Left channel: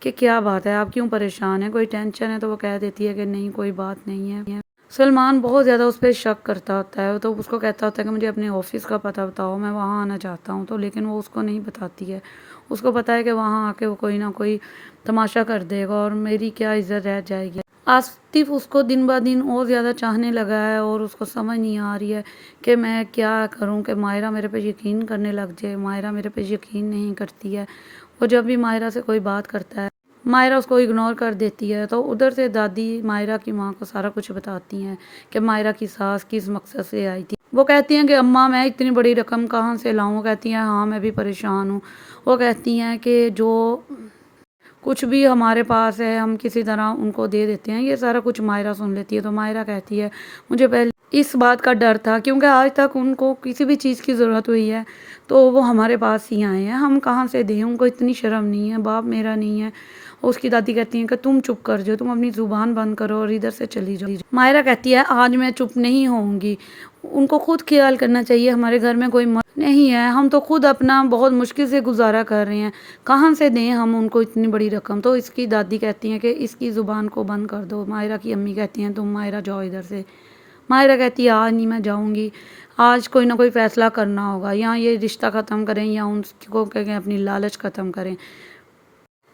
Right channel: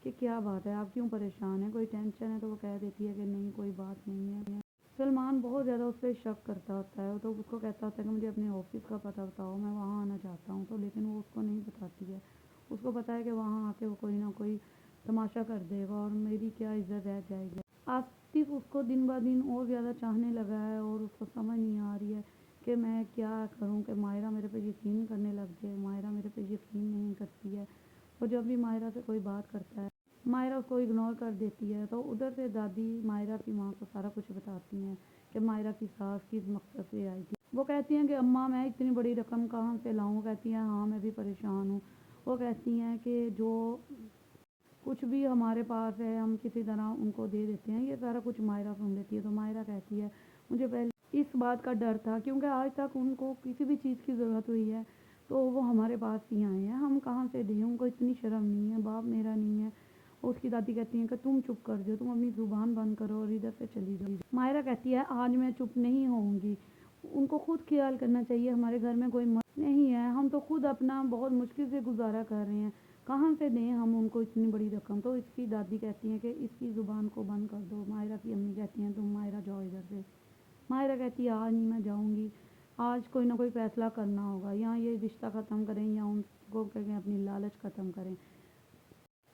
کہ کیا بات ہے، آپ کیوں پریشان ہیں، کوئی ٹینشن ہے؟ تو وہ کہہ دیتی ہے کہ نہیں کوئی بات نہیں ہے۔ سلمان بہت زیادہ اس پہ شک کرتا ہوتا ہے، تو اس کو کہتا ہوتا ہے کہ مجھے اپنے آفس کا پتہ بتاؤ، میں وہاں آنا چاہتا ہوں، تو لیکن وہ اس کو نہیں بتاتی ہے۔ اس کو پتہ ہے کہ وہاں آ کے وہ کوئی نہ کوئی تماشا کر دے گا اور میری کیا عزت رہ جائے گی۔ آصف اس کو دن بہ دن اور زیادہ چاہنے لگا ہے اور اس کو سمجھ نہیں آ رہی ہے کہ میں کیا کروں کہ ماہرہ میرے پہ یقین کرنے لگ جائے۔ ماہرہ میرے پہ یقین نہیں کرتی ہے، وہ جب بھی ماہرہ سے کوئی بات کرتا ہے ماہرہ اس کو اگنور کر دیتی ہے۔ تو ادھر سے دادی ماہرہ کی ماں کو سارا کچھ بتاتی ہیں کہ ماہرہ کی ساس کس مقصد سے آئی تھی۔ وہ کہتی ہیں کہ اماں میں اتنی بڑی رقم کہاں سے لاؤں؟ وہ کہتی ہیں ہاں میں بھی پریشان ہوں۔ وہ کہتی ہیں کہ جو کچھ بھی ہمارے پاس ہے ہم کسی طرح ان کو دے دیتے ہیں۔ یہ سارا کچھ ماہرہ سن لیتی ہے، تو ماہرہ کہتی ہے مجھے پہلے اس بات کا ڈر تھا، کیونکہ آج تک ان کو کسی بھی چیز کی ضرورت ہوئی ہے تو وہ ہمارے پاس ہی آئے ہیں، ہم کہاں سے دیں؟ ان کو اتنی شرم نہیں ہے، باپ میرا نہیں ہے۔ اس کی دادی کہتی ہیں کہ تم چپ کر جاؤ، تم اپنی زبان بند کرو اور ادھر سے چلی جاؤ۔ ماہرہ کہتی ہے آج میں چپ نہیں ہوں گی، ان کو خود خیال کرنا چاہیے، ہمارے گھر میں کوئی نہیں ہے، ہم تو خود اپنا بہت مشکل سے گزارا کر رہے ہیں، کہاں سے دیں ہم ان کو اتنی بڑی رقم؟ تو اس کی دادی کہتی ہیں کہ اس کی زبان کو بند کر دو۔ ماہرہ کی امی کہتی ہیں تم ماہرہ جاؤ ادھر سے۔ ماہرہ کہتی ہے آج نہیں میں جاؤں گی، آج کوئی نہ کوئی فیصلہ کرنا ہوگا، یا یہ رشتہ ختم کریں یا ان کو کہیں اپنی لالچ ختم کریں۔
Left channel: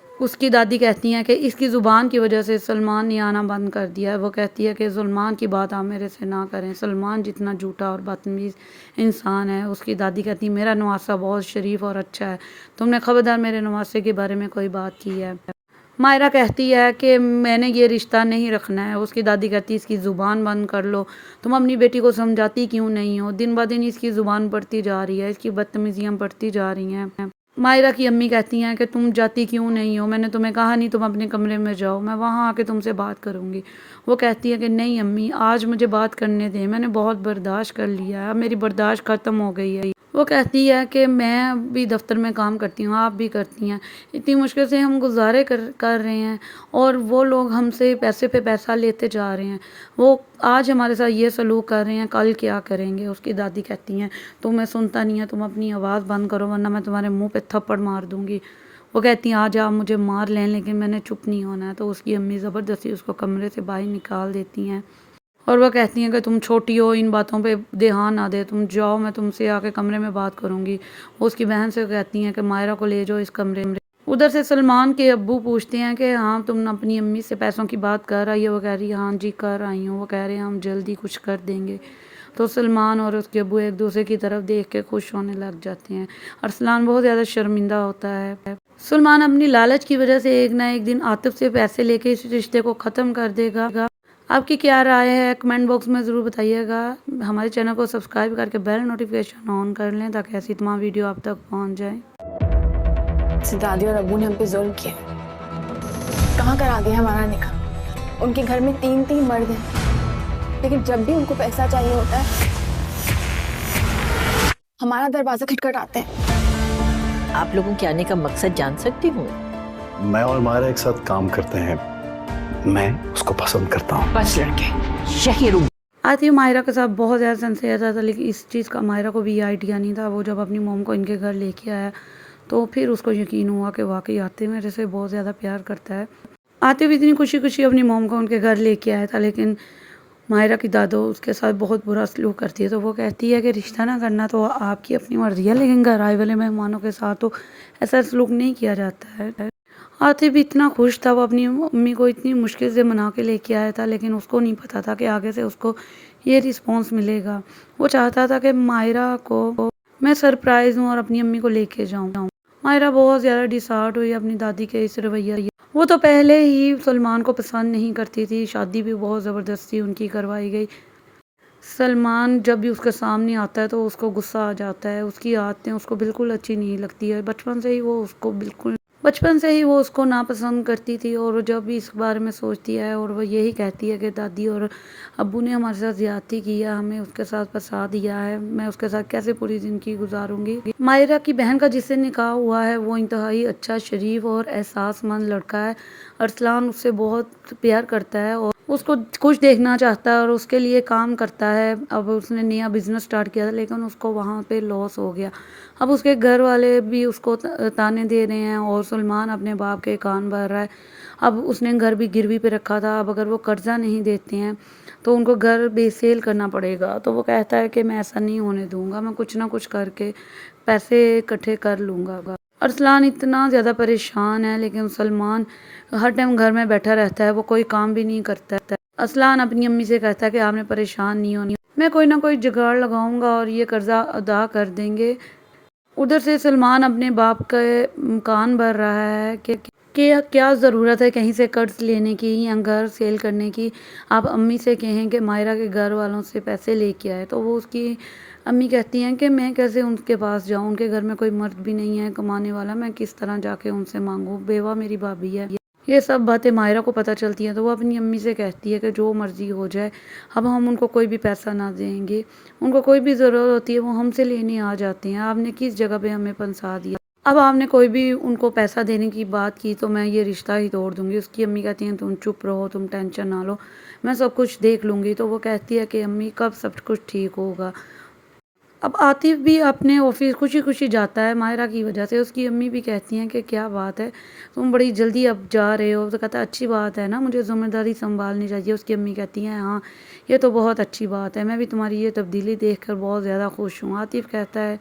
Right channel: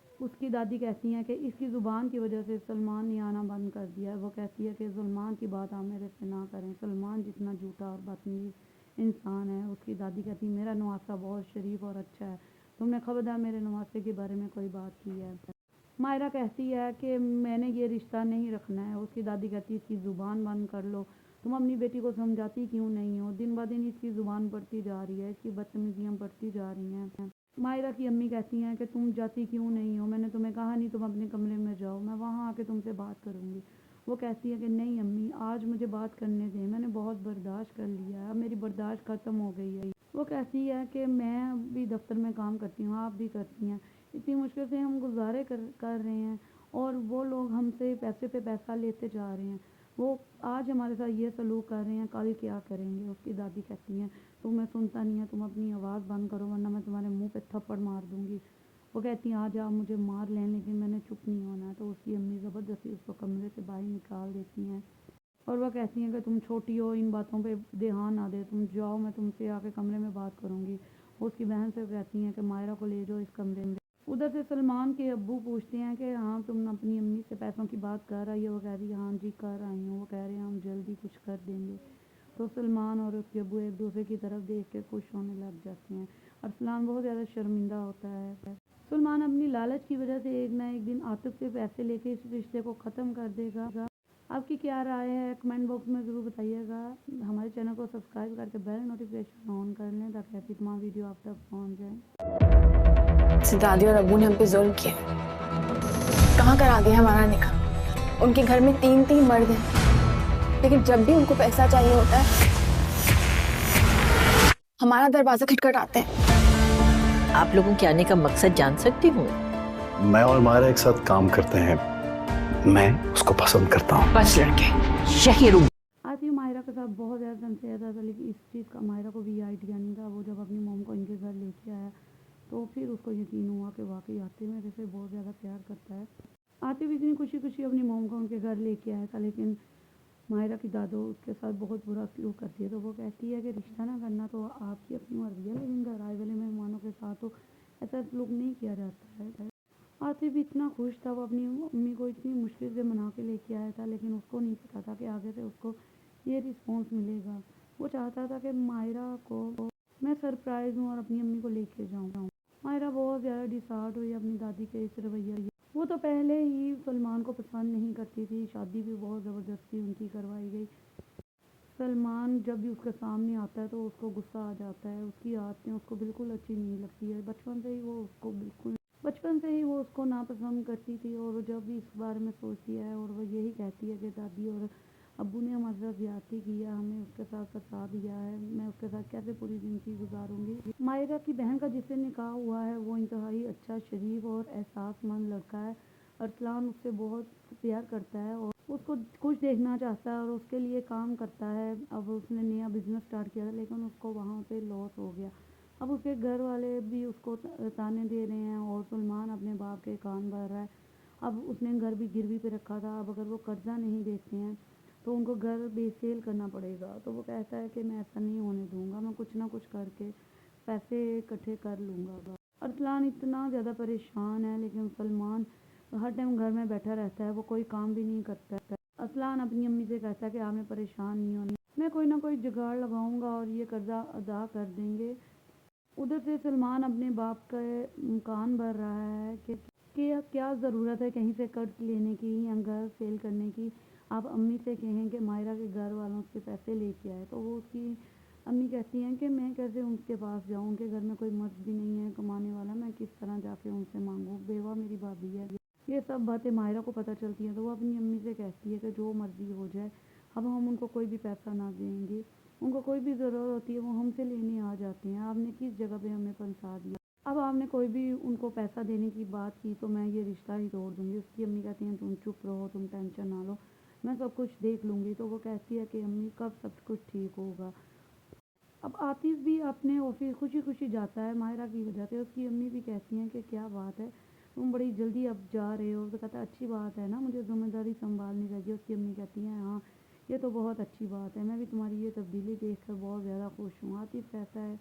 اس کی دادی کہتی ہیں کہ اس کی زبان کی وجہ سے سلمان نے آنا بند کر دیا ہے۔ وہ کہتی ہے کہ سلمان کی بات آپ میرے سے نہ کریں، سلمان جتنا جھوٹا اور بدتمیز انسان ہے۔ اس کی دادی کہتی ہے میرا نواسہ بہت شریف اور اچھا ہے، تم نے خبردار میرے نواسے کے بارے میں کوئی بات کی ہے؟ ماہرہ کہتی ہے کہ میں نے یہ رشتہ نہیں رکھنا ہے۔ اس کی دادی کہتی ہے اس کی زبان بند کر لو، تم اپنی بیٹی کو سمجھاتی کیوں نہیں ہو؟ دن بہ دن اس کی زبان بڑھتی جا رہی ہے، اس کی بدتمیزیاں بڑھتی جا رہی ہیں۔ ماہرہ کی امی کہتی ہیں کہ تم جاتی کیوں نہیں ہو؟ میں نے تمہیں کہا نہیں تم اپنے کمرے میں جاؤ، میں وہاں آ کے تم سے بات کروں گی۔ وہ کہتی ہے کہ نہیں امی آج مجھے بات کرنے دیں، میں نے بہت برداشت کر لیا ہے، اب میری برداشت ختم ہو گئی ہے۔ وہ کہتی ہے کہ میں بھی دفتر میں کام کرتی ہوں، آپ بھی کرتی ہیں، اتنی مشکل سے ہم گزارے کر رہے ہیں اور وہ لوگ ہم سے پیسے پہ پیسہ لیتے جا رہے ہیں، وہ آج ہمارے ساتھ یہ سلوک کر رہے ہیں، کل کیا کریں گے؟ اس کی دادی کہتی ہیں تمہیں سنتا نہیں ہے، تم اپنی آواز بند کرو ورنہ میں تمہارے منہ پہ تھپڑ مار دوں گی۔ وہ کہتی ہیں آج آپ مجھے مار لیں لیکن میں نے چپ نہیں ہونا ہے۔ تو اس کی امی زبردستی اس کو کمرے سے باہر نکال دیتی ہیں اور وہ کہتی ہیں کہ تم چھوٹی ہو، ان باتوں پہ دھیان نہ دے، تم جاؤ، میں تم سے آ کے کمرے میں بات کروں گی۔ وہ اس کی بہن سے کہتی ہیں کہ ماہرہ کو لے جاؤ اس کمرے میں۔ ادھر سے سلمان کے ابو پوچھتے ہیں کہ ہاں تم اپنی امی سے پیسوں کی بات کر رہی ہے؟ وہ کہہ رہی ہے ہاں جی کر آئی ہوں۔ وہ کہہ رہے ہیں ہم جلدی کچھ کر دیں گے۔ تو سلمان اور اس کے ابو ایک دوسرے کی طرف دیکھ کے خوش ہونے لگ جاتے ہیں۔ ارسلان بہت زیادہ شرمندہ ہوتا ہے۔ سلمان اپنی لالچ کی وجہ سے ایک نہ ایک دن عاطف سے پیسے لے کے اس رشتے کو ختم کر دے گا۔ آپ کی کیا رائے ہے کمنٹ باکس میں ضرور بتائیے گا۔ ہمارے چینل کو سبسکرائب کر کے بیل نوٹیفیکیشن آن کر لیں تاکہ ایسی تمام ویڈیو آپ تک پہنچ جائیں۔ دادی اور ابو نے ہم پہ ظلم کیا، کہاں کرا دیا ہمارا نکاح؟ ان کے گھر میں تین مرد ہیں، لیکن جب بھی ان کو پیسہ چاہیے ہوتا ہے ہمارا دروازہ کھٹکھٹاتے ہیں۔ آپ لوگوں کے آنے کا مقصد جان سکتی ہوں؟ میں اور ماہرہ ایک ساتھ کام کرتے ہیں، میں اس کو پسند کرتا ہوں۔ بس لڑکے شہر آتی ماہرہ کے ساتھ بہت زیادہ سنسیئر تھا، لیکن اس چیز کا ماہرہ کو بھی یہ آئیڈیا نہیں تھا۔ وہ جب اپنی موم کو ان کے گھر لے کے آیا تو پھر اس کو یقین ہوا کہ واقعی عاطف میرے سے بہت زیادہ پیار کرتا ہے۔ عاطف اتنی خوشی خوشی اپنی موم کو ان کے گھر لے کے آیا تھا، لیکن ماہرہ کی دادو اس کے ساتھ بہت برا سلوک کرتی ہے۔ تو وہ کہتی ہے کہ رشتہ نہ کرنا تو آپ کی اپنی مرضی ہے، لیکن گھر آئے والے مہمانوں کے ساتھ تو ایسا سلوک نہیں کیا جاتا ہے۔ عاطف بھی اتنا خوش تھا، وہ اپنی امی کو اتنی مشکل سے منا کے لے کے آیا تھا، لیکن اس کو نہیں پتا تھا کہ آگے سے اس کو یہ رسپانس ملے گا۔ وہ چاہتا تھا کہ ماہرہ کو میں سرپرائز ہوں اور اپنی امی کو لے کے جاؤں۔ ماہرہ بہت زیادہ ڈسہارٹ ہوئی اپنی دادی کے اس رویہ۔ وہ تو پہلے ہی سلمان کو پسند نہیں کرتی تھی، شادی بھی بہت زبردستی ان کی کروائی گئی۔ سلمان جب بھی اس کے سامنے آتا ہے تو اس کو غصہ آ جاتا ہے، اس کی عادتیں اس کو بالکل اچھی نہیں لگتی ہے۔ بچپن سے ہی وہ اس کو ناپسند کرتی تھی اور جب بھی اس بارے میں سوچتی ہے اور وہ یہی کہتی ہے کہ دادی اور ابو نے ہمارے ساتھ زیادتی کی ہے، ہمیں اس کے ساتھ پھنسا دیا ہے، میں اس کے ساتھ کیسے پوری زندگی گزاروں گی۔ ماہرہ کی بہن کا جس سے نکاح ہوا ہے وہ انتہائی اچھا، شریف اور احساس مند لڑکا ہے۔ ارسلان اس سے بہت پیار کرتا ہے اور اس کو خوش دیکھنا چاہتا ہے اور اس کے لیے کام کرتا ہے. اب اس نے نیا بزنس سٹارٹ کیا تھا لیکن اس کو وہاں پہ لاس ہو گیا. اب اس کے گھر والے بھی اس کو تانے دے رہے ہیں اور سلمان اپنے باپ کے کان بھر رہا ہے. اب اس نے گھر بھی گروی پہ رکھا تھا. اب اگر وہ قرضہ نہیں دیتے ہیں تو ان کو گھر بے سیل کرنا پڑے گا. تو وہ کہتا ہے کہ میں ایسا نہیں ہونے دوں گا, میں کچھ نہ کچھ کر کے پیسے اکٹھے کر لوں گا. ارسلان اتنا زیادہ پریشان ہے لیکن سلمان ہر ٹائم گھر میں بیٹھا رہتا ہے, وہ کوئی کام بھی نہیں کرتا ہے. ارسلان اپنی امی سے کہتا ہے کہ آپ نے پریشان نہیں ہونی, میں کوئی نہ کوئی جگاڑ لگاؤں گا اور یہ قرضہ ادا کر دیں گے. ادھر سے سلمان اپنے باپ کے کان بھر رہا ہے کہ کیا ضرورت ہے کہیں سے قرض لینے کی یا گھر سیل کرنے کی. آپ امی سے کہیں کہ مائرہ کے گھر والوں سے پیسے لے کے آئے. تو وہ اس کی امی کہتی ہیں کہ میں کیسے ان کے پاس جاؤں, ان کے گھر میں کوئی مرد بھی نہیں ہے کمانے والا, میں کس طرح جا کے ان سے مانگوں, بیوہ میری بھابھی ہے. یہ سب باتیں مائرہ کو پتہ چلتی ہیں تو وہ اپنی امی سے کہتی ہے کہ جو مرضی ہو جائے, اب ہم ان کو کوئی بھی پیسہ نہ دیں گے, ان کو کوئی بھی ضرورت ہوتی ہے وہ ہم سے لینے آ جاتے ہیں. آپ نے کس جگہ پہ ہمیں پھنسا دیا, اب آپ نے کوئی بھی ان کو پیسہ دینے کی بات کی تو میں یہ رشتہ ہی توڑ دوں گی. اس کی امی کہتی ہیں تم چپ رہو, تم ٹینشن نہ لو, میں سب کچھ دیکھ لوں گی. تو وہ کہتی ہے کہ امی کب سب کچھ ٹھیک ہوگا. اب عاطف بھی اپنے آفس خوشی خوشی جاتا ہے مائرہ کی وجہ سے. اس کی امی بھی کہتی ہیں کہ کیا بات ہے, تم بڑی جلدی اب جا رہے ہو. تو کہتا ہے اچھی بات ہے نا, مجھے ذمہ داری سنبھالنی چاہیے. اس کی امی کہتی ہیں ہاں یہ تو بہت اچھی بات ہے, میں بھی تمہاری یہ تبدیلی دیکھ کر بہت زیادہ خوش ہوں. عاطف کہتا ہے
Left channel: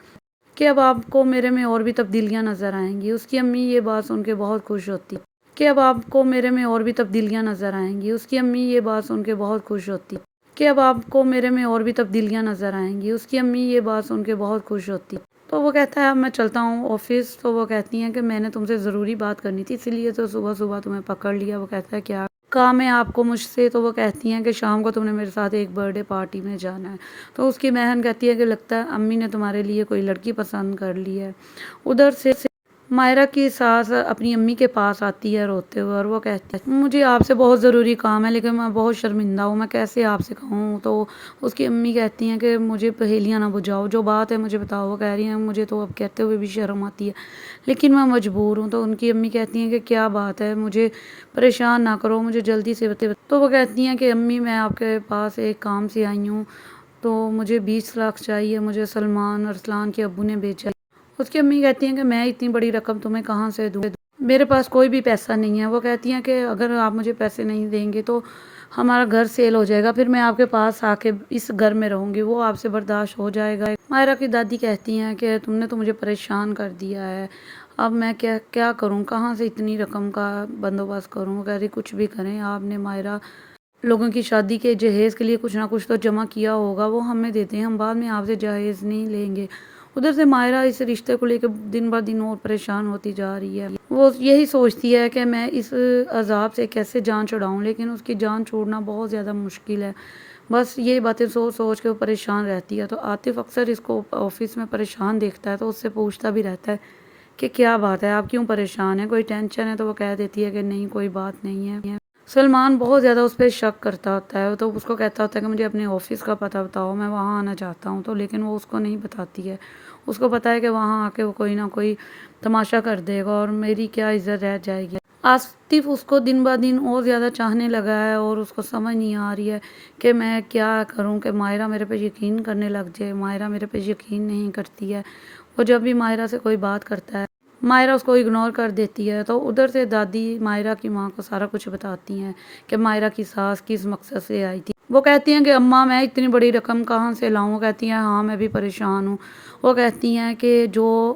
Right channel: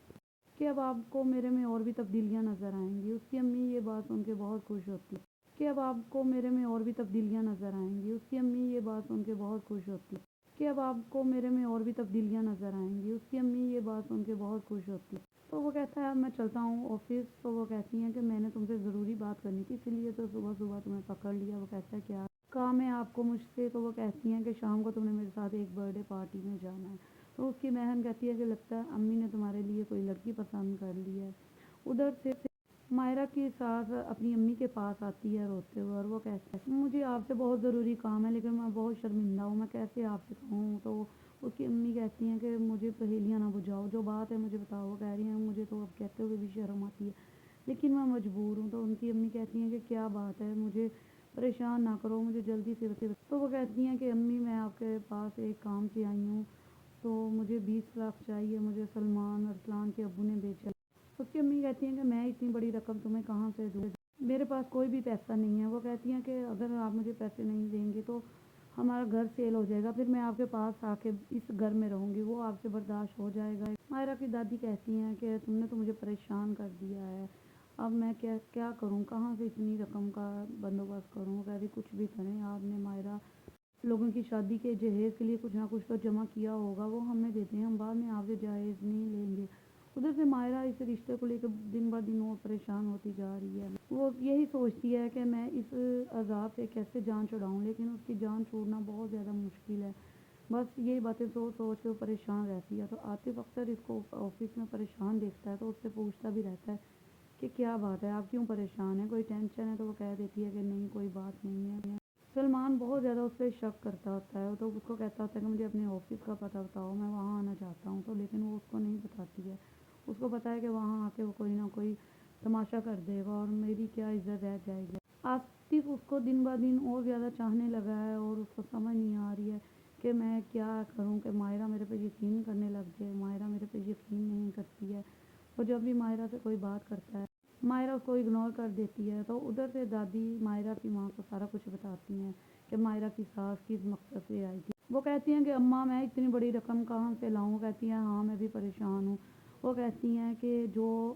کہ اب آپ کو میرے میں اور بھی تبدیلیاں نظر آئیں گی. اس کی امی یہ بات سن کے بہت خوش ہوتی کہ اب آپ کو میرے میں اور بھی تبدیلیاں نظر آئیں گی. اس کی امی یہ بات سن کے بہت خوش ہوتی کہ اب آپ کو میرے میں اور بھی تبدیلیاں نظر آئیں گی. اس کی امی یہ بات سن کے بہت خوش ہوتی. تو وہ کہتا ہے اب میں چلتا ہوں آفس. تو وہ کہتی ہیں کہ میں نے تم سے ضروری بات کرنی تھی اسی لیے تو صبح صبح تمہیں پکڑ لیا. وہ کہتا ہے کیا کام ہے آپ کو مجھ سے. تو وہ کہتی ہیں کہ شام کو تم نے میرے ساتھ ایک برتھ ڈے پارٹی میں جانا ہے. تو اس کی بہن کہتی ہے کہ لگتا ہے امی نے تمہارے لیے کوئی لڑکی پسند کر لی ہے. ادھر سے مائرہ کی ساس اپنی امی کے پاس آتی ہے روتے ہوئے اور وہ کہتی ہے مجھے آپ سے بہت ضروری کام ہے لیکن میں بہت شرمندہ ہوں, میں کیسے آپ سے کہوں. تو اس کی امی کہتی ہیں کہ مجھے پہیلیاں نہ بجھاؤ, جو بات ہے مجھے بتاؤ. وہ کہہ رہی ہیں مجھے تو اب کہتے ہوئے بھی شرم آتی ہے لیکن میں مجبور ہوں. تو ان کی امی کہتی ہیں کہ کیا بات ہے, مجھے پریشان نہ کرو, مجھے جلدی سے بتائیں. تو وہ کہتی ہیں کہ امی میں آپ کے پاس ایک کام سے آئی ہوں, تو مجھے 20 لاکھ چاہیے, مجھے سلمان ارسلان کے ابو نے بھیجا. اس کی امی کہتی ہیں کہ میں اتنی بڑی رقم تمہیں کہاں سے دوں, میرے پاس کوئی بھی پیسہ نہیں ہے. وہ کہتی ہیں کہ اگر آپ مجھے پیسے نہیں دیں گے تو ہمارا گھر سیل ہو جائے گا, پھر میں آپ کے پاس آ کے اس گھر میں رہوں گی, وہ آپ سے برداشت ہو جائے گا. مائرہ کی دادی کہتی ہیں کہ تم نے تو مجھے پریشان کر دیا ہے, اب میں کیا کروں, کہاں سے اتنی رقم کا بندوبست کروں. کہہ رہی کچھ بھی کریں, آپ نے مائرہ لوگوں کی شادی کے جہیز کے لیے کچھ نہ کچھ تو جمع کیا ہوگا, وہ ہمیں دیتے ہیں, ہم بعد میں آپ سے جہیز نہیں لیں گے. ادھر سے مائرہ اس رشتے کو لے کے دن بہ دن اور پریشان ہوتی جا رہی ہے. وہ یہی سوچتی ہے کہ میں اس عذاب سے کیسے جان چھڑاؤں, لیکن اس کی جان چھوڑنا بہت زیادہ مشکل ہے. بس یہ باتیں سوچ سوچ کے وہ پریشان رہتی ہے. تو عاطف اکثر اس کو آفس میں پریشان دیکھتا ہے تو اس سے پوچھتا بھی رہتا ہے کہ کیا بات ہے, آپ کیوں پریشان ہیں, کوئی ٹینشن ہے. تو وہ کہہ دیتی ہے کہ نہیں کوئی بات نہیں ہے. سلمان بہت زیادہ اس پہ شک کرتا ہوتا ہے, تو اس کو کہتا ہوتا ہے کہ مجھے اپنے آفس کا پتہ بتاؤ, میں وہاں آنا چاہتا ہوں. تو لیکن وہ اس کو نہیں بتاتی ہے. اس کو پتہ ہے کہ وہاں آ کے وہ کوئی نہ کوئی تماشا کر دے گا اور میری کیا عزت رہ جائے گی. عاطف اس کو دن بہ دن اور زیادہ چاہنے لگا ہے اور اس کو سمجھ نہیں آ رہی ہے کہ میں کیا کروں کہ مائرہ میرے پہ یقین کرنے لگ جائے. مائرہ میرے پہ یقین نہیں کرتی ہے. وہ جب بھی مائرہ سے کوئی بات کرتا ہے مائرہ اس کو اگنور کر دیتی ہے. تو ادھر سے دادی مائرہ کی ماں کو سارا کچھ بتاتی ہیں کہ مائرہ کی ساس کس مقصد سے آئی تھی. وہ کہتی ہیں کہ اماں میں اتنی بڑی رقم کہاں سے لاؤں. وہ کہتی ہیں ہاں میں بھی پریشان ہوں. وہ کہتی ہیں کہ جو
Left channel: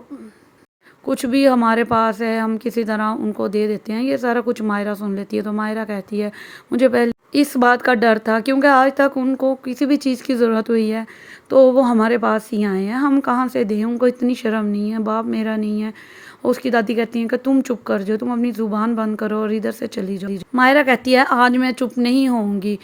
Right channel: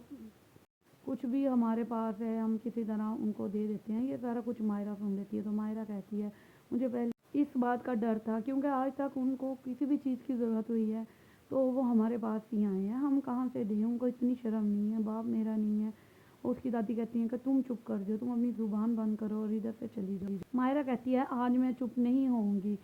کچھ بھی ہمارے پاس ہے ہم کسی طرح ان کو دے دیتے ہیں. یہ سارا کچھ مائرہ سن لیتی ہے. تو مائرہ کہتی ہے مجھے پہلے اس بات کا ڈر تھا کیونکہ آج تک ان کو کسی بھی چیز کی ضرورت ہوئی ہے تو وہ ہمارے پاس ہی آئے ہیں, ہم کہاں سے دیں, ان کو اتنی شرم نہیں ہے, باپ میرا نہیں ہے. اس کی دادی کہتی ہیں کہ تم چپ کر جاؤ, تم اپنی زبان بند کرو اور ادھر سے چلی جاؤ. مائرہ کہتی ہے آج میں چپ نہیں ہوں گی,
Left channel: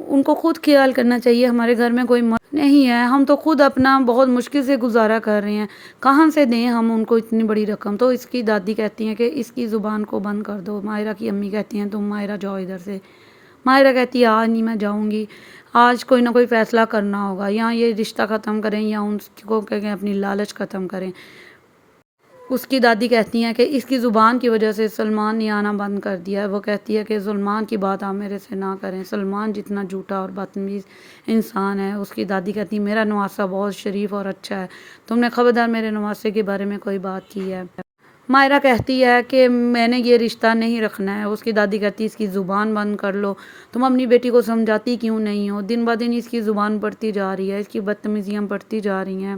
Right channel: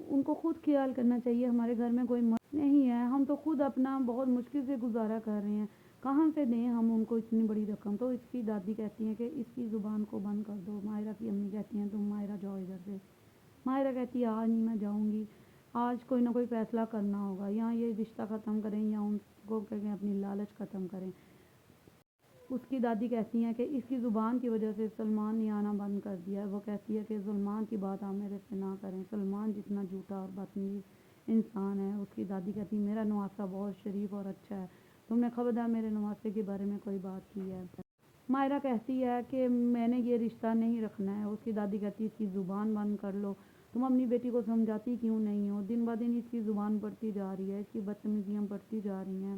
ان کو خود خیال کرنا چاہیے, ہمارے گھر میں کوئی نہیں ہے, ہم تو خود اپنا بہت مشکل سے گزارا کر رہے ہیں, کہاں سے دیں ہم ان کو اتنی بڑی رقم. تو اس کی دادی کہتی ہیں کہ اس کی زبان کو بند کر دو. مائرہ کی امی کہتی ہیں تم مائرہ جاؤ ادھر سے. مائرہ کہتی ہے آج نہیں میں جاؤں گی, آج کوئی نہ کوئی فیصلہ کرنا ہوگا, یا یہ رشتہ ختم کریں یا ان کو کہیں اپنی لالچ ختم کریں. اس کی دادی کہتی ہیں کہ اس کی زبان کی وجہ سے سلمان نے آنا بند کر دیا ہے. وہ کہتی ہے کہ سلمان کی بات آپ میرے سے نہ کریں، سلمان جتنا جھوٹا اور بدتمیز انسان ہے. اس کی دادی کہتی ہے میرا نواسہ بہت شریف اور اچھا ہے، تم نے خبردار میرے نواسے کے بارے میں کوئی بات کی ہے. مائرہ کہتی ہے کہ میں نے یہ رشتہ نہیں رکھنا ہے. اس کی دادی کہتی ہے اس کی زبان بند کر لو، تم اپنی بیٹی کو سمجھاتی کیوں نہیں ہو؟ دن بہ دن اس کی زبان بڑھتی جا رہی ہے، اس کی بدتمیزیاں بڑھتی جا رہی ہیں.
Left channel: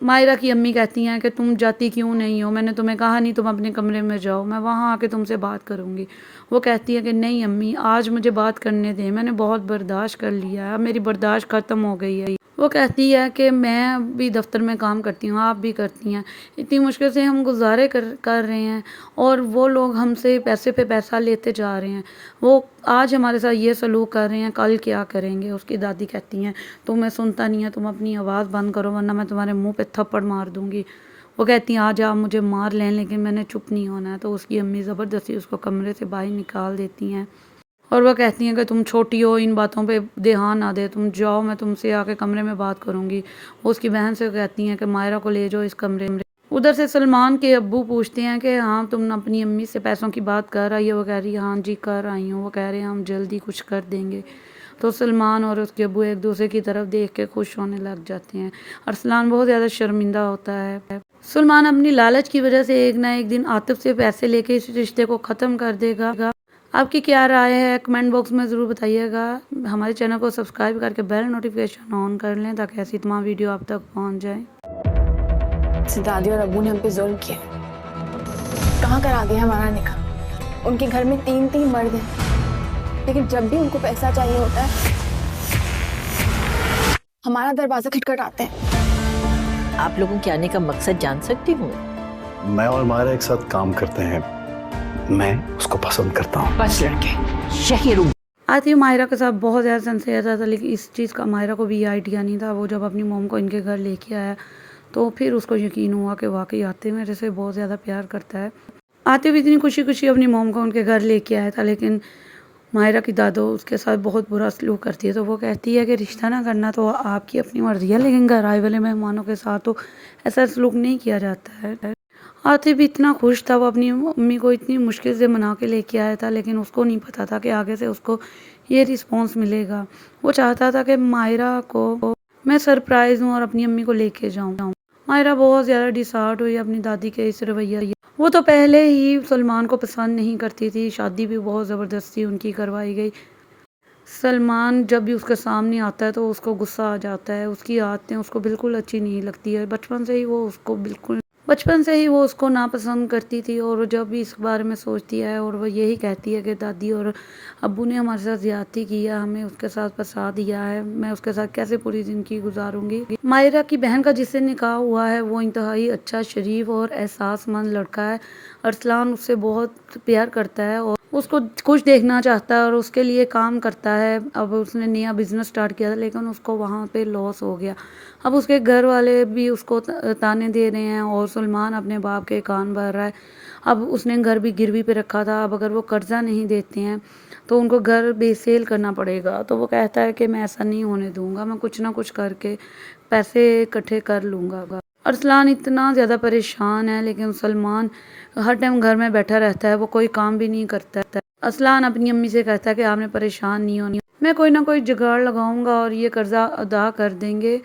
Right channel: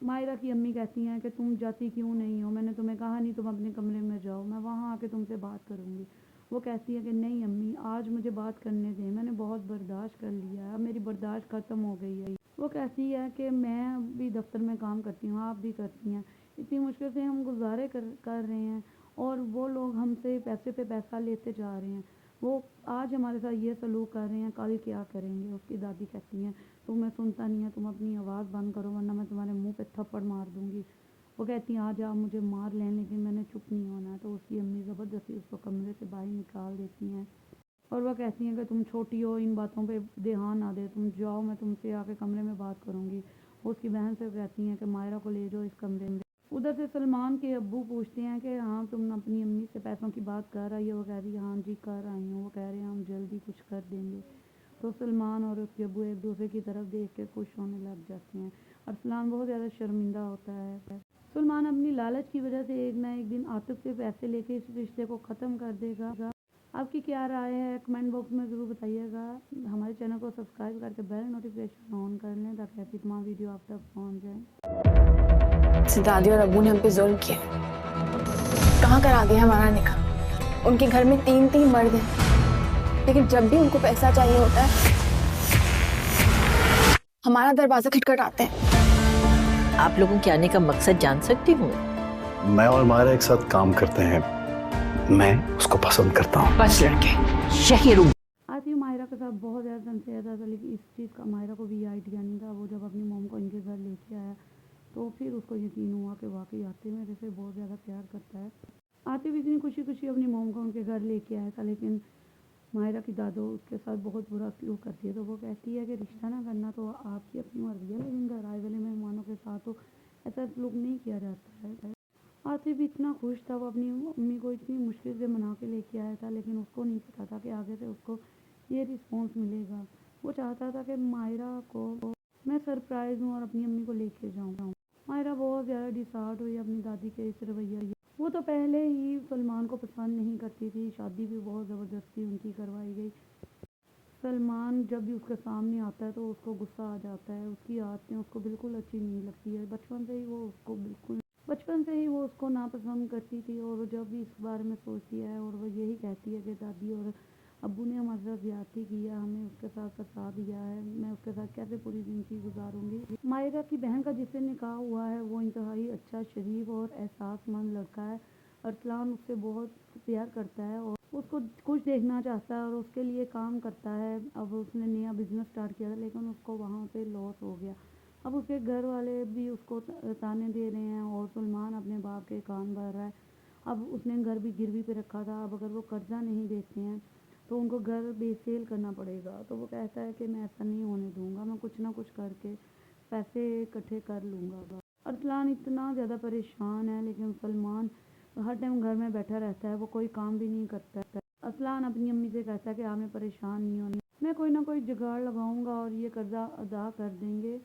مائرہ کی امی کہتی ہیں کہ تم جاتی کیوں نہیں ہو؟ میں نے تمہیں کہا نہیں تم اپنے کمرے میں جاؤ، میں وہاں آ کے تم سے بات کروں گی. وہ کہتی ہے کہ نہیں امی، آج مجھے بات کرنے دیں، میں نے بہت برداشت کر لیا ہے، اب میری برداشت ختم ہو گئی ہے. وہ کہتی ہے کہ میں بھی دفتر میں کام کرتی ہوں، آپ بھی کرتی ہیں، اتنی مشکل سے ہم گزارے کر رہے ہیں اور وہ لوگ ہم سے پیسے پہ پیسہ لیتے جا رہے ہیں. وہ آج ہمارے ساتھ یہ سلوک کر رہے ہیں، کل کیا کریں گے؟ اس کی دادی کہتی ہیں تمہیں سنتا نہیں ہے، تم اپنی آواز بند کرو ورنہ میں تمہارے منہ پہ تھپڑ مار دوں گی. وہ کہتی ہیں آج آپ مجھے مار لیں لیکن میں نے چپ نہیں ہونا ہے. تو اس کی امی زبردستی اس کو کمرے سے باہر نکال دیتی ہیں اور وہ کہتی ہیں کہ تم چھوٹی ہو، ان باتوں پہ دھیان نہ دے، تم جاؤ، میں تم سے آ کے کمرے میں بات کروں گی. وہ اس کی بہن سے کہتی ہیں کہ مائرہ کو لے جاؤ اس کمرے میں. ادھر سے سلمان کے ابو پوچھتے ہیں کہ ہاں تم اپنی امی سے پیسوں کی بات کر آئی ہے؟ وہ کہہ رہی ہے ہاں جی کر آئی ہوں. وہ کہہ رہے ہیں ہم جلدی کچھ کر دیں گے. تو سلمان اور اس کے ابو ایک دوسرے کی طرف دیکھ کے خوش ہونے لگ جاتے ہیں. ارسلان بہت زیادہ شرمندہ ہوتا ہے. سلمان اپنی لالچ کی وجہ سے ایک نہ ایک دن عاطف سے پیسے لے کے اس رشتے کو ختم کر دے گا. آپ کی کیا رائے ہے کمنٹ باکس میں ضرور بتائیے گا. ہمارے چینل کو سبسکرائب کر کے بیل نوٹیفیکیشن آن کر لیں تاکہ ایسی تمام ویڈیو آپ تک پہنچ جائیں. دادی اور ابو نے ہم پہ ظلم کیا، کہاں کرا دیا ہمارا نکاح. ان کے گھر میں تین مرد ہیں لیکن جب بھی ان کو پیسہ چاہیے ہوتا ہے ہمارا دروازہ کھٹکھٹاتے ہیں. آپ لوگوں کے آنے کا مقصد جان سکتی ہوں؟ میں اور مائرہ ایک ساتھ کام کرتے ہیں، میں اس کو پسند کرتا ہوں. بس لڑکے شہیروں. آتی مائرہ کے ساتھ بہت زیادہ سنسیئر تھا لیکن اس چیز کا مائرہ کو بھی آئیڈیا نہیں تھا. وہ جب اپنی موم کو ان کے گھر لے کے آیا تو پھر اس کو یقین ہوا کہ واقعی عاطف میرے سے بہت زیادہ پیار کرتا ہے. عاطف اتنی خوشی اپنی موم کو ان کے گھر لے کے آیا تھا لیکن مائرہ کی دادو اس کے ساتھ بہت برا سلوک کرتی ہے. تو وہ کہتی ہے کہ رشتہ نہ کرنا تو آپ کی اپنی مرضی ہے لیکن گھر آئے والے مہمانوں کے ساتھ تو ایسا سلوک نہیں کیا جاتا ہے. عاطف بھی اتنا خوش تھا، وہ اپنی امی کو اتنی مشکل سے منا کے لے کے آیا تھا لیکن اس کو نہیں پتا تھا کہ آگے سے اس کو یہ رسپانس ملے گا. وہ چاہتا تھا کہ مائرہ کو میں سرپرائز ہوں اور اپنی امی کو لے کے جاؤں. مائرہ بہت زیادہ ڈسہارٹ ہوئی اپنی دادی کے اس رویے. وہ تو پہلے ہی سلمان کو پسند نہیں کرتی تھی، شادی بھی بہت زبردستی ان کی کروائی گئی. سلمان جب بھی اس کے سامنے آتا ہے تو اس کو غصہ آ جاتا ہے، اس کی عادتیں اس کو بالکل اچھی نہیں لگتی ہے. بچپن سے ہی وہ اس کو ناپسند کرتی تھی اور جب بھی اس بارے میں سوچتی ہے اور وہ یہی کہتی ہے کہ دادی اور ابو نے ہمارے ساتھ زیادتی کی ہے، ہمیں اس کے ساتھ پھنسا دیا ہے، میں اس کے ساتھ کیسے پوری زندگی گزاروں گی. مائرہ کی بہن کا جس سے نکاح ہوا ہے وہ انتہائی اچھا، شریف اور احساس مند لڑکا ہے. ارسلان اس سے بہت پیار کرتا ہے اور اس کو خوش دیکھنا چاہتا ہے اور اس کے لیے کام کرتا ہے. اب اس نے نیا بزنس سٹارٹ کیا تھا لیکن اس کو وہاں پہ لاس ہو گیا. اب اس کے گھر والے بھی اس کو تانے دے رہے ہیں اور سلمان اپنے باپ کے کان بھر رہا ہے. اب اس نے گھر بھی گروی پہ رکھا تھا، اب اگر وہ قرضہ نہیں دیتے ہیں تو ان کو گھر بے سیل کرنا پڑے گا. تو وہ کہتا ہے کہ میں ایسا نہیں ہونے دوں گا، میں کچھ نہ کچھ کر کے پیسے اکٹھے کر لوں گا. ارسلان اتنا زیادہ پریشان ہے لیکن سلمان ہر ٹائم گھر میں بیٹھا رہتا ہے، وہ کوئی کام بھی نہیں کرتا. ارسلان اپنی امی سے کہتا ہے کہ آپ نے پریشان نہیں ہونی، میں کوئی نہ کوئی جگاڑ لگاؤں گا اور یہ قرضہ ادا کر دیں گے.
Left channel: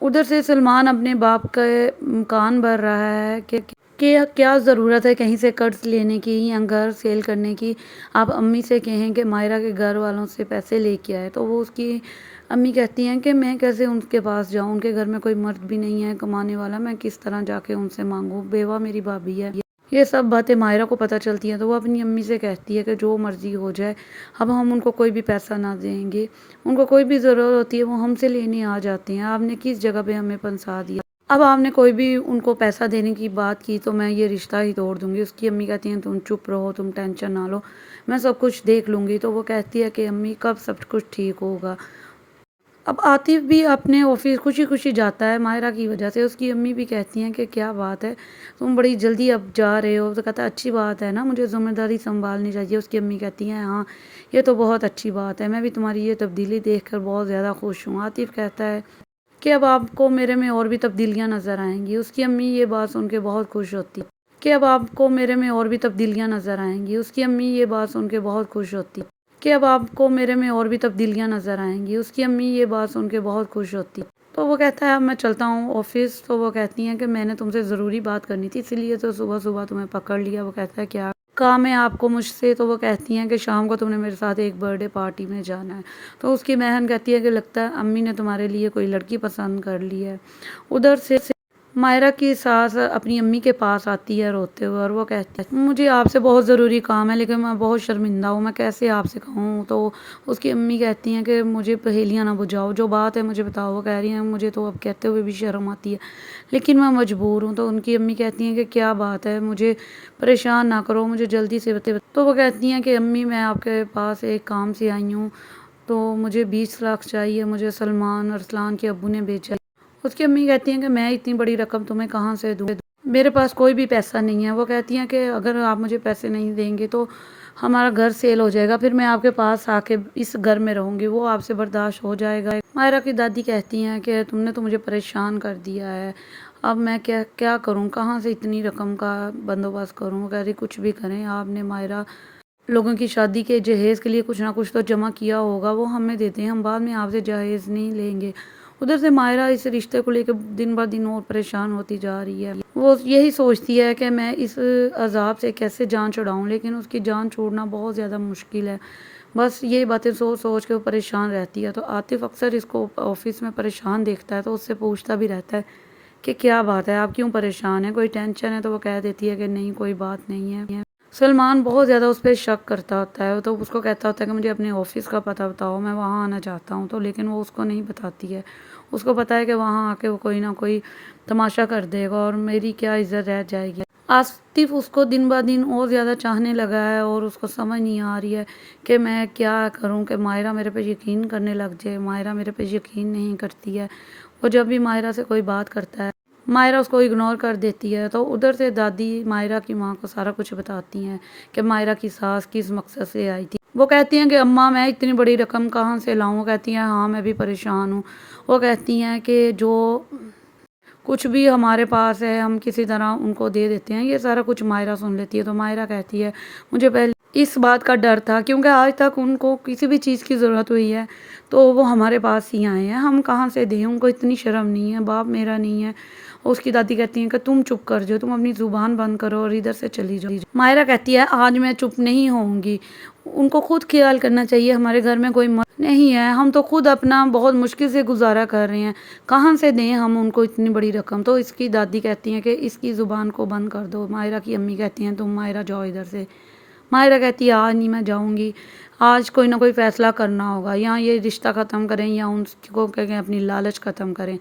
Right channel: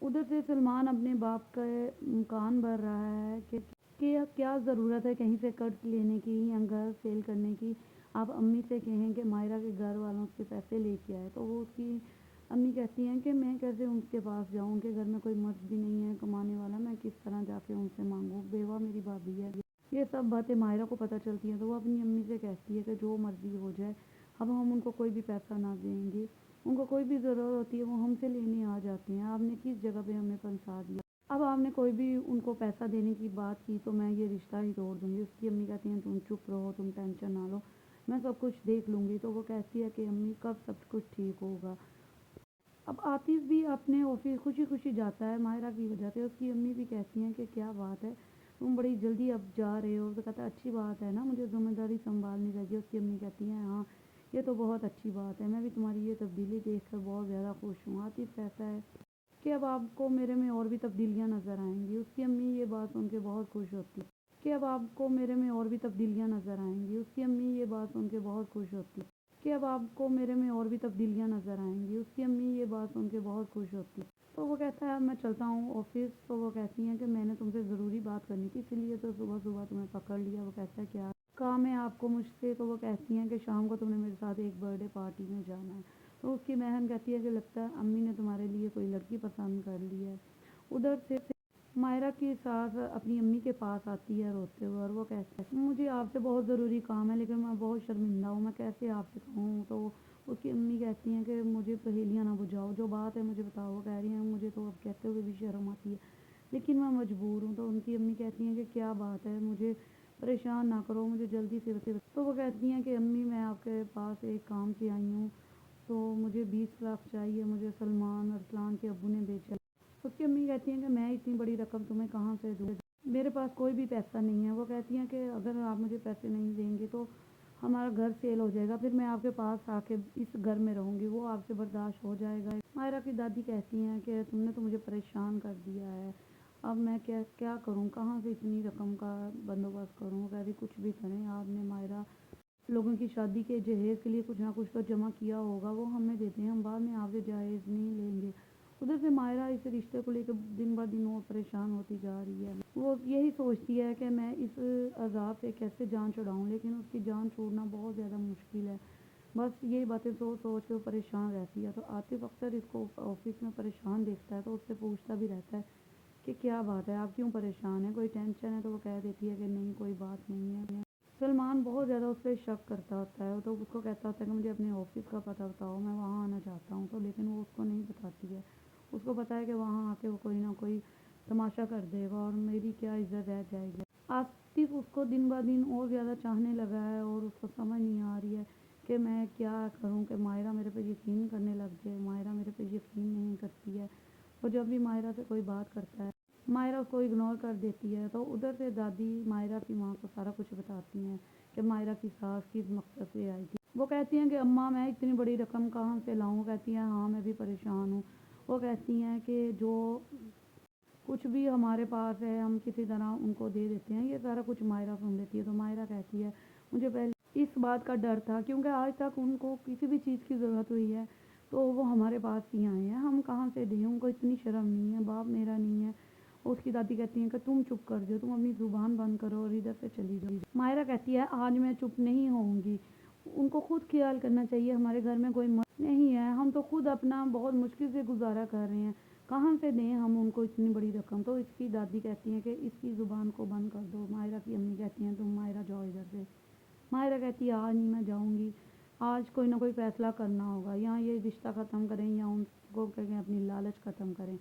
ادھر سے سلمان اپنے باپ کے کان بھر رہا ہے کہ کیا ضرورت ہے کہیں سے قرض لینے کی یا گھر سیل کرنے کی. آپ امی سے کہیں کہ مائرہ کے گھر والوں سے پیسے لے کے آئے. تو وہ اس کی امی کہتی ہیں کہ میں کیسے ان کے پاس جاؤں، ان کے گھر میں کوئی مرد بھی نہیں ہے کمانے والا، میں کس طرح جا کے ان سے مانگوں، بیوہ میری بھابھی ہے. یہ سب باتیں مائرہ کو پتہ چلتی ہیں تو وہ اپنی امی سے کہتی ہے کہ جو مرضی ہو جائے، اب ہم ان کو کوئی بھی پیسہ نہ دیں گے، ان کو کوئی بھی ضرورت ہوتی ہے وہ ہم سے لینے آ جاتے ہیں، آپ نے کس جگہ پہ ہمیں پھنسا دیا، اب آپ نے کوئی بھی ان کو پیسہ دینے کی بات کی تو میں یہ رشتہ ہی توڑ دوں گی. اس کی امی کہتی ہیں تم چپ رہو، تم ٹینشن نہ لو، میں سب کچھ دیکھ لوں گی. تو وہ کہتی ہے کہ امی کب سب کچھ ٹھیک ہوگا. اب عاطف بھی اپنے آفس خوشی جاتا ہے مائرہ کی وجہ سے. اس کی امی بھی کہتی ہیں کہ کیا بات ہے، تم بڑی جلدی اب جا رہے ہو. تو کہتا ہے اچھی بات ہے نا، مجھے ذمہ داری سنبھالنی چاہیے. اس کی امی کہتی ہیں ہاں یہ تو بہت اچھی بات ہے، میں بھی تمہاری یہ تبدیلی دیکھ کر بہت زیادہ خوش ہوں. عاطف کہتا ہے کہ اب آپ کو میرے میں اور بھی تبدیلیاں نظر آئیں گی۔ اس کی امی یہ بات سن کے بہت خوش ہوتی کہ اب آپ کو میرے میں اور بھی تبدیلیاں نظر آئیں گی۔ اس کی امی یہ بات سن کے بہت خوش ہوتی کہ اب آپ کو میرے میں اور بھی تبدیلیاں نظر آئیں گی۔ اس کی امی یہ بات سن کے بہت خوش ہوتی۔ تو وہ کہتا ہے اب میں چلتا ہوں آفس۔ تو وہ کہتی ہیں کہ میں نے تم سے ضروری بات کرنی تھی، اسی لیے تو صبح صبح تمہیں پکڑ لیا۔ وہ کہتا ہے کیا کام ہے آپ کو مجھ سے؟ تو وہ کہتی ہیں کہ شام کو تم نے میرے ساتھ ایک برتھ ڈے پارٹی میں جانا ہے۔ تو اس کی بہن کہتی ہے کہ لگتا ہے امی نے تمہارے لیے کوئی لڑکی پسند کر لی ہے۔ ادھر سے مائرہ کی ساس اپنی امی کے پاس آتی ہے روتے ہوئے، اور وہ کہتی ہے مجھے آپ سے بہت ضروری کام ہے، لیکن میں بہت شرمندہ ہوں، میں کیسے آپ سے کہوں؟ تو اس کی امی کہتی ہیں کہ مجھے پہیلیاں نہ بجھاؤ، جو بات ہے مجھے بتاؤ۔ وہ کہہ رہی ہیں مجھے تو اب کہتے ہوئے بھی شرم آتی ہے، لیکن میں مجبور ہوں۔ تو ان کی امی کہتی ہیں کہ کیا بات ہے، مجھے پریشان نہ کرو، مجھے جلدی سے بتائیں۔ تو وہ کہتی ہیں کہ امی میں آپ کے پاس ایک کام سے آئی ہوں، تو مجھے 20 لاکھ چاہیے، مجھے سلمان ارسلان کے ابو نے بھیجا۔ اس کی امی کہتی ہیں کہ میں اتنی بڑی رقم تمہیں کہاں سے دوں، میرے پاس کوئی بھی پیسہ نہیں ہے۔ وہ کہتی ہیں کہ اگر آپ مجھے پیسے نہیں دیں گے تو ہمارا گھر سیل ہو جائے گا، پھر میں آپ کے پاس آ کے اس گھر میں رہوں گی، وہ آپ سے برداشت ہو جائے گا؟ مائرہ کی دادی کہتی ہیں کہ تم نے تو مجھے پریشان کر دیا ہے، اب میں کیا کروں، کہاں سے اتنی رقم کا بندوبست کروں؟ وہ کہہ رہی کچھ بھی کریں آپ نے مائرہ، لوگوں کی شادی کے جہیز کے لیے کچھ نہ کچھ تو جمع کیا ہوگا، وہ ہمیں دیتے ہیں، ہم بعد میں آپ سے جہیز نہیں لیں گے۔ ادھر سے مائرہ اس رشتے کو لے کے دن بہ دن اور پریشان ہوتی جا رہی ہے۔ وہ یہی سوچتی ہے کہ میں اس عذاب سے کیسے جان چھڑاؤں، لیکن اس کی جان چھوڑنا بہت زیادہ مشکل ہے۔ بس یہی باتیں سوچ سوچ کے وہ پریشان رہتی ہے۔ تو عاطف اکثر اس کو آفس میں پریشان دیکھتا ہے تو اس سے پوچھتا بھی رہتا ہے کہ کیا بات ہے، آپ کیوں پریشان ہیں، کوئی ٹینشن ہے؟ تو وہ کہہ دیتی ہے کہ نہیں کوئی بات نہیں ہے۔ سلمان بہت زیادہ اس پہ شک کرتا ہوتا ہے، تو اس کو کہتا ہوتا ہے کہ مجھے اپنے آفس کا پتہ بتاؤ، میں وہاں آنا چاہتا ہوں۔ تو لیکن وہ اس کو نہیں بتاتی ہے، اس کو پتہ ہے کہ وہاں آ کے وہ کوئی نہ کوئی تماشا کر دے گا اور میری کیا عزت رہ جائے گی۔ عاطف اس کو دن بہ دن اور زیادہ چاہنے لگا ہے، اور اس کو سمجھ نہیں آ رہی ہے کہ میں کیا کروں کہ مائرہ میرے پہ یقین کرنے لگ جائے۔ مائرہ میرے پہ یقین نہیں کرتی ہے، وہ جب بھی مائرہ سے کوئی بات کرتا ہے مائرہ اس کو اگنور کر دیتی ہے۔ تو ادھر سے دادی مائرہ کی ماں کو سارا کچھ بتاتی ہیں کہ مائرہ کی ساس کس مقصد سے آئی تھی۔ وہ کہتی ہیں کہ اماں میں اتنی بڑی رقم کہاں سے لاؤں؟ وہ کہتی ہیں ہاں میں بھی پریشان ہوں۔ وہ کہتی ہیں کہ جو کچھ بھی ہمارے پاس ہے ہم کسی طرح ان کو دے دیتے ہیں۔ یہ سارا کچھ مائرہ سن لیتی ہے۔ تو مائرہ کہتی ہے مجھے پہلے اس بات کا ڈر تھا، کیونکہ آج تک ان کو کسی بھی چیز کی ضرورت ہوئی ہے تو وہ ہمارے پاس ہی آئے ہیں، ہم کہاں سے دیں، ان کو اتنی شرم نہیں ہے، باپ میرا نہیں ہے۔ اس کی دادی کہتی ہیں کہ تم چپ کر جاؤ، تم اپنی زبان بند کرو اور ادھر سے چلی جاؤ۔ مائرہ کہتی ہے آج میں چپ نہیں ہوں گی، ان کو خود خیال کرنا چاہیے، ہمارے گھر میں کوئی مرد نہیں ہے، ہم تو خود اپنا بہت مشکل سے گزارا کر رہے ہیں، کہاں سے دیں ہم ان کو اتنی بڑی رقم؟ تو اس کی دادی کہتی ہیں کہ اس کی زبان کو بند کر دو۔ مائرہ کی امی کہتی ہیں تم مائرہ جاؤ ادھر سے۔ مائرہ کہتی ہے آج نہیں میں جاؤں گی، آج کوئی نہ کوئی فیصلہ کرنا ہوگا، یا یہ رشتہ ختم کریں یا ان کو کہیں اپنی لالچ ختم کریں۔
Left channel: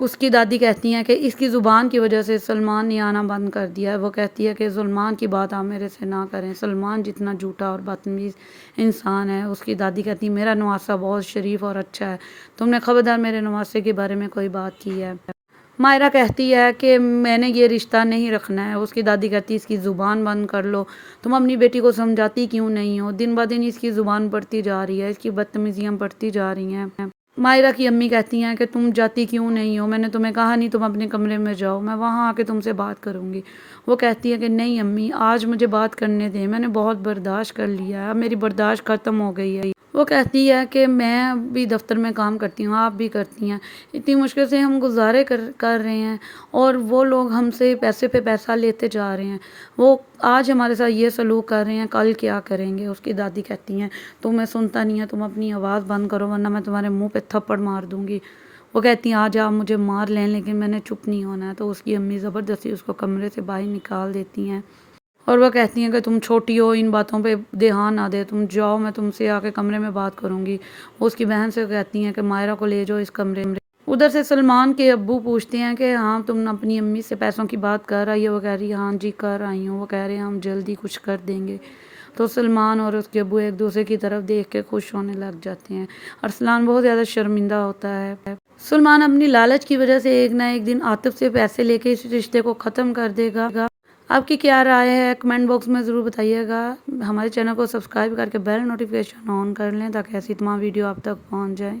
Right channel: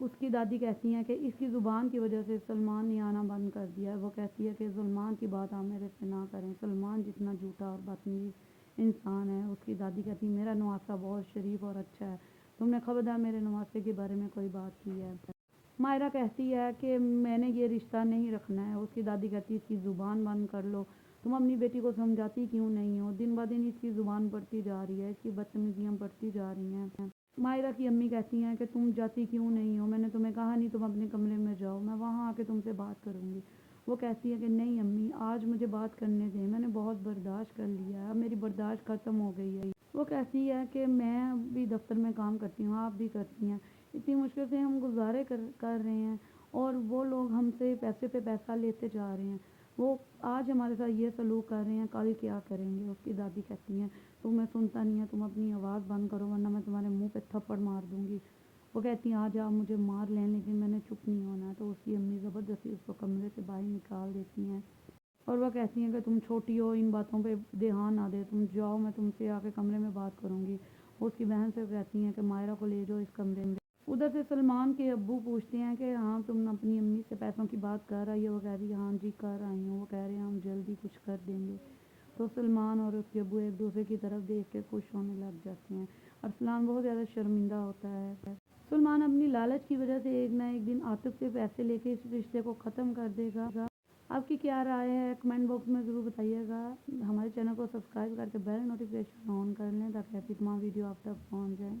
اس کی دادی کہتی ہیں کہ اس کی زبان کی وجہ سے سلمان نے آنا بند کر دیا ہے۔ وہ کہتی ہے کہ سلمان کی بات آپ میرے سے نہ کریں، سلمان جتنا جھوٹا اور بدتمیز انسان ہے۔ اس کی دادی کہتی ہے میرا نواسہ بہت شریف اور اچھا ہے، تم نے خبردار میرے نواسے کے بارے میں کوئی بات کی ہے؟ مائرہ کہتی ہے کہ میں نے یہ رشتہ نہیں رکھنا ہے۔ اس کی دادی کہتی ہے اس کی زبان بند کر لو، تم اپنی بیٹی کو سمجھاتی کیوں نہیں ہو؟ دن بہ دن اس کی زبان بڑھتی جا رہی ہے، اس کی بدتمیزیاں بڑھتی جا رہی ہیں۔ مائرہ کی امی کہتی ہیں کہ تم جاتی کیوں نہیں ہو؟ میں نے تمہیں کہا نہیں تم اپنے کمرے میں جاؤ، میں وہاں آ کے تم سے بات کروں گی۔ وہ کہتی ہے کہ نہیں امی آج مجھے بات کرنے دیں، میں نے بہت برداشت کر لیا ہے، اب میری برداشت ختم ہو گئی ہے۔ وہ کہتی ہے کہ میں بھی دفتر میں کام کرتی ہوں، آپ بھی کرتی ہیں، اتنی مشکل سے ہم گزارے کر رہے ہیں اور وہ لوگ ہم سے پیسے پہ پیسہ لیتے جا رہے ہیں، وہ آج ہمارے ساتھ یہ سلوک کر رہے ہیں، کل کیا کریں گے؟ اس کی دادی کہتی ہیں تمہیں سنتا نہیں ہے، تم اپنی آواز بند کرو ورنہ میں تمہارے منہ پہ تھپڑ مار دوں گی۔ وہ کہتی ہیں آج آپ مجھے مار لیں لیکن میں نے چپ نہیں ہونا ہے۔ تو اس کی امی زبردستی اس کو کمرے سے باہر نکال دیتی ہیں اور وہ کہتی ہیں کہ تم چھوٹی ہو، ان باتوں پہ دھیان نہ دے، تم جاؤ، میں تم سے آ کے کمرے میں بات کروں گی۔ وہ اس کی بہن سے کہتی ہیں کہ مائرہ کو لے جاؤ اس کمرے میں۔ ادھر سے سلمان کے ابو پوچھتے ہیں کہ ہاں تم اپنی امی سے پیسوں کی بات کر آئی ہے؟ وہ کہہ رہی ہے ہاں جی کر آئی ہوں۔ وہ کہہ رہے ہیں ہم جلدی کچھ کر دیں گے۔ تو سلمان اور اس کے ابو ایک دوسرے کی طرف دیکھ کے خوش ہونے لگ جاتے ہیں۔ ارسلان بہت زیادہ شرمندہ ہوتا ہے۔ سلمان اپنی لالچ کی وجہ سے ایک نہ ایک دن عاطف سے پیسے لے کے اس رشتے کو ختم کر دے گا۔ آپ کی کیا رائے ہے کمنٹ باکس میں ضرور بتائیے گا۔ ہمارے چینل کو سبسکرائب کر کے بیل نوٹیفیکیشن آن کر لیں تاکہ ایسی تمام ویڈیو آپ تک پہنچ جائیں۔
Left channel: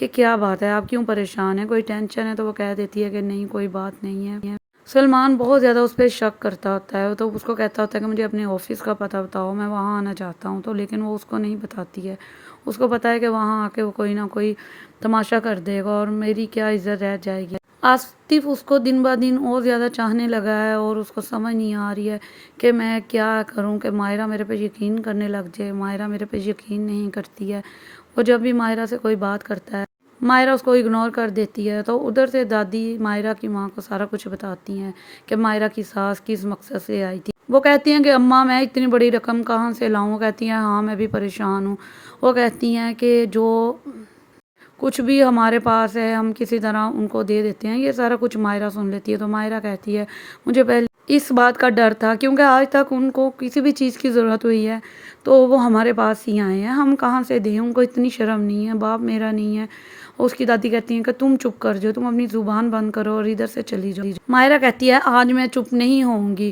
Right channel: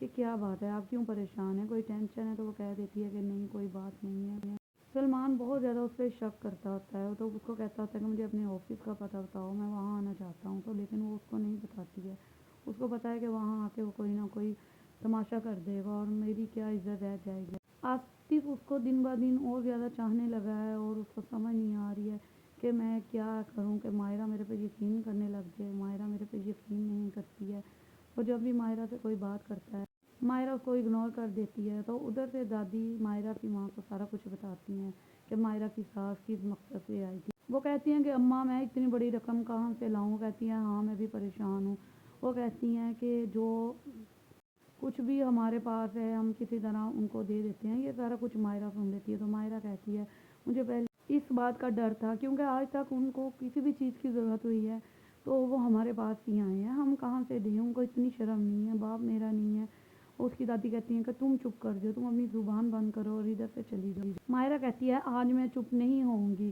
کہ کیا بات ہے، آپ کیوں پریشان ہیں، کوئی ٹینشن ہے؟ تو وہ کہہ دیتی ہے کہ نہیں کوئی بات نہیں ہے۔ سلمان بہت زیادہ اس پہ شک کرتا ہوتا ہے، تو اس کو کہتا ہوتا ہے کہ مجھے اپنے آفس کا پتہ بتاؤ، میں وہاں آنا چاہتا ہوں، تو لیکن وہ اس کو نہیں بتاتی ہے۔ اس کو پتہ ہے کہ وہاں آ کے وہ کوئی نہ کوئی تماشا کر دے گا اور میری کیا عزت رہ جائے گی۔ آصف اس کو دن بہ دن اور زیادہ چاہنے لگا ہے اور اس کو سمجھ نہیں آ رہی ہے کہ میں کیا کروں کہ ماہرہ میرے پہ یقین کرنے لگ جائے۔ ماہرہ میرے پہ یقین نہیں کرتی ہے، وہ جب بھی ماہرہ سے کوئی بات کرتا ہے ماہرہ اس کو اگنور کر دیتی ہے۔ تو ادھر سے دادی ماہرہ کی ماں کو سارا کچھ بتاتی ہیں کہ ماہرہ کی ساس کس مقصد سے آئی تھی۔ وہ کہتی ہیں کہ اماں میں اتنی بڑی رقم کہاں سے لاؤں؟ وہ کہتی ہیں ہاں میں بھی پریشان ہوں۔ وہ کہتی ہیں کہ جو کچھ بھی ہمارے پاس ہے ہم کسی طرح ان کو دے دیتے ہیں۔ یہ سارا کچھ ماہرہ سن لیتی ہے، تو ماہرہ کہتی ہے مجھے پہلے اس بات کا ڈر تھا، کیونکہ آج تک ان کو کسی بھی چیز کی ضرورت ہوئی ہے تو وہ ہمارے پاس ہی آئے ہیں، ہم کہاں سے دیں؟ ان کو اتنی شرم نہیں ہے، باپ میرا نہیں ہے۔ اس کی دادی کہتی ہیں کہ تم چپ کر جاؤ، تم اپنی زبان بند کرو اور ادھر سے چلی جاؤ۔ ماہرہ کہتی ہے آج میں چپ نہیں ہوں گی،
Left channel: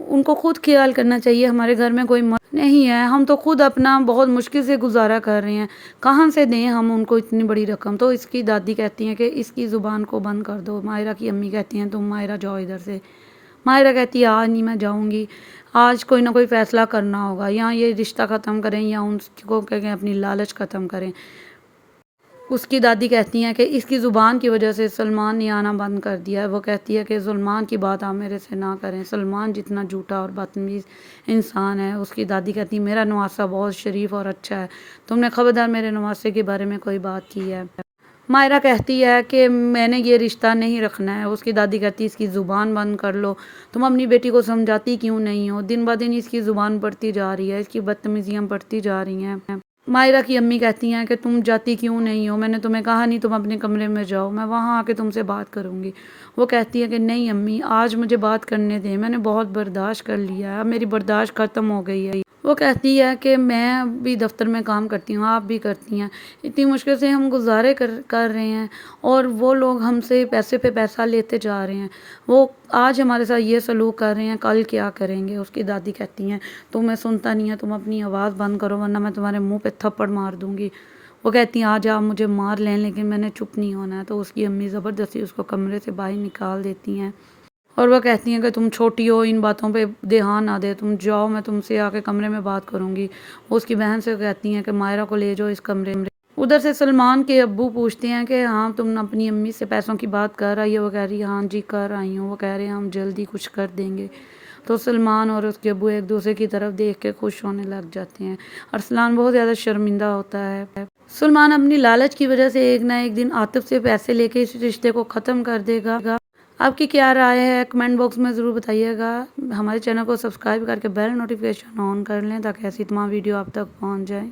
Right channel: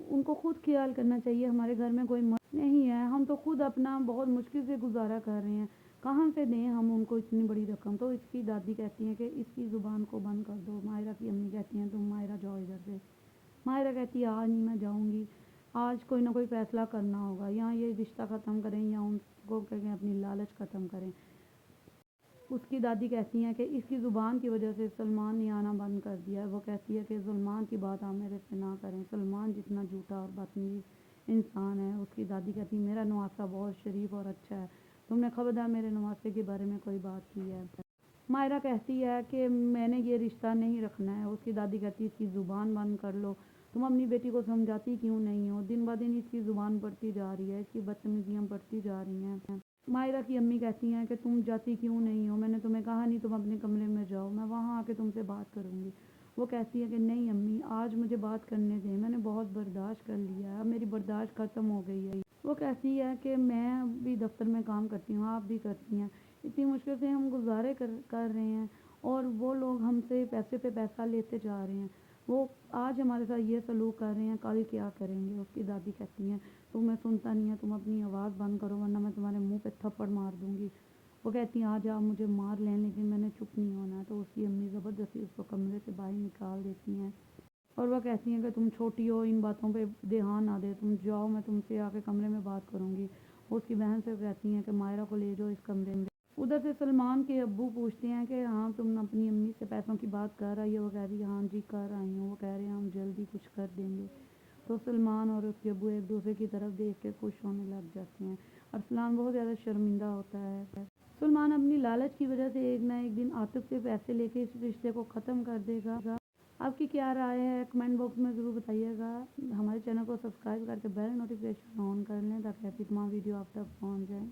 ان کو خود خیال کرنا چاہیے، ہمارے گھر میں کوئی مرد نہیں ہے، ہم تو خود اپنا بہت مشکل سے گزارا کر رہے ہیں، کہاں سے دیں ہم ان کو اتنی بڑی رقم؟ تو اس کی دادی کہتی ہیں کہ اس کی زبان کو بند کر دو۔ ماہرہ کی امی کہتی ہیں تم ماہرہ جاؤ ادھر سے۔ ماہرہ کہتی ہے آج نہیں میں جاؤں گی، آج کوئی نہ کوئی فیصلہ کرنا ہوگا، یا یہ رشتہ ختم کریں یا ان کو کہیں اپنی لالچ ختم کریں۔ اس کی دادی کہتی ہیں کہ اس کی زبان کی وجہ سے سلمان نے آنا بند کر دیا ہے۔ وہ کہتی ہے کہ سلمان کی بات آپ میرے سے نہ کریں، سلمان جتنا جھوٹا اور بدتمیز انسان ہے۔ اس کی دادی کہتی ہے میرا نواسہ بہت شریف اور اچھا ہے، تم نے خبردار میرے نواسے کے بارے میں کوئی بات کی ہے؟ ماہرہ کہتی ہے کہ میں نے یہ رشتہ نہیں رکھنا ہے۔ اس کی دادی کہتی ہے اس کی زبان بند کر لو، تم اپنی بیٹی کو سمجھاتی کیوں نہیں ہو؟ دن بہ دن اس کی زبان بڑھتی جا رہی ہے، اس کی بدتمیزیاں بڑھتی جا رہی ہیں۔ ماہرہ کی امی کہتی ہیں کہ تم جاتی کیوں نہیں ہو؟ میں نے تمہیں کہا نہیں تم اپنے کمرے میں جاؤ، میں وہاں آ کے تم سے بات کروں گی۔ وہ کہتی ہے کہ نہیں امی آج مجھے بات کرنے دیں، میں نے بہت برداشت کر لیا ہے، اب میری برداشت ختم ہو گئی ہے۔ وہ کہتی ہے کہ میں بھی دفتر میں کام کرتی ہوں، آپ بھی کرتی ہیں، اتنی مشکل سے ہم گزارے کر رہے ہیں اور وہ لوگ ہم سے پیسے پہ پیسہ لیتے جا رہے ہیں، وہ آج ہمارے ساتھ یہ سلوک کر رہے ہیں، کل کیا کریں گے؟ اس کی دادی کہتی ہیں تمہیں سنتا نہیں ہے، تم اپنی آواز بند کرو ورنہ میں تمہارے منہ پہ تھپڑ مار دوں گی۔ وہ کہتی ہیں آج آپ مجھے مار لیں لیکن میں نے چپ نہیں ہونا ہے۔ تو اس کی امی زبردستی اس کو کمرے سے باہر نکال دیتی ہیں اور وہ کہتی ہیں کہ تم چھوٹی ہو، ان باتوں پہ دھیان نہ دے، تم جاؤ، میں تم سے آ کے کمرے میں بات کروں گی۔ وہ اس کی بہن سے کہتی ہیں کہ ماہرہ کو لے جاؤ اس کمرے میں۔ ادھر سے سلمان کے ابو پوچھتے ہیں کہ ہاں تم اپنی امی سے پیسوں کی بات کر آئی ہے؟ وہ کہہ رہی ہے ہاں جی کر آئی ہوں۔ وہ کہہ رہے ہیں ہم جلدی کچھ کر دیں گے۔ تو سلمان اور اس کے ابو ایک دوسرے کی طرف دیکھ کے خوش ہونے لگ جاتے ہیں۔ ارسلان بہت زیادہ شرمندہ ہوتا ہے۔ سلمان اپنی لالچ کی وجہ سے ایک نہ ایک دن عاطف سے پیسے لے کے اس رشتے کو ختم کر دے گا۔ آپ کی کیا رائے ہے کمنٹ باکس میں ضرور بتائیے گا۔ ہمارے چینل کو سبسکرائب کر کے بیل نوٹیفیکیشن آن کر لیں تاکہ ایسی تمام ویڈیو آپ تک پہنچ جائیں۔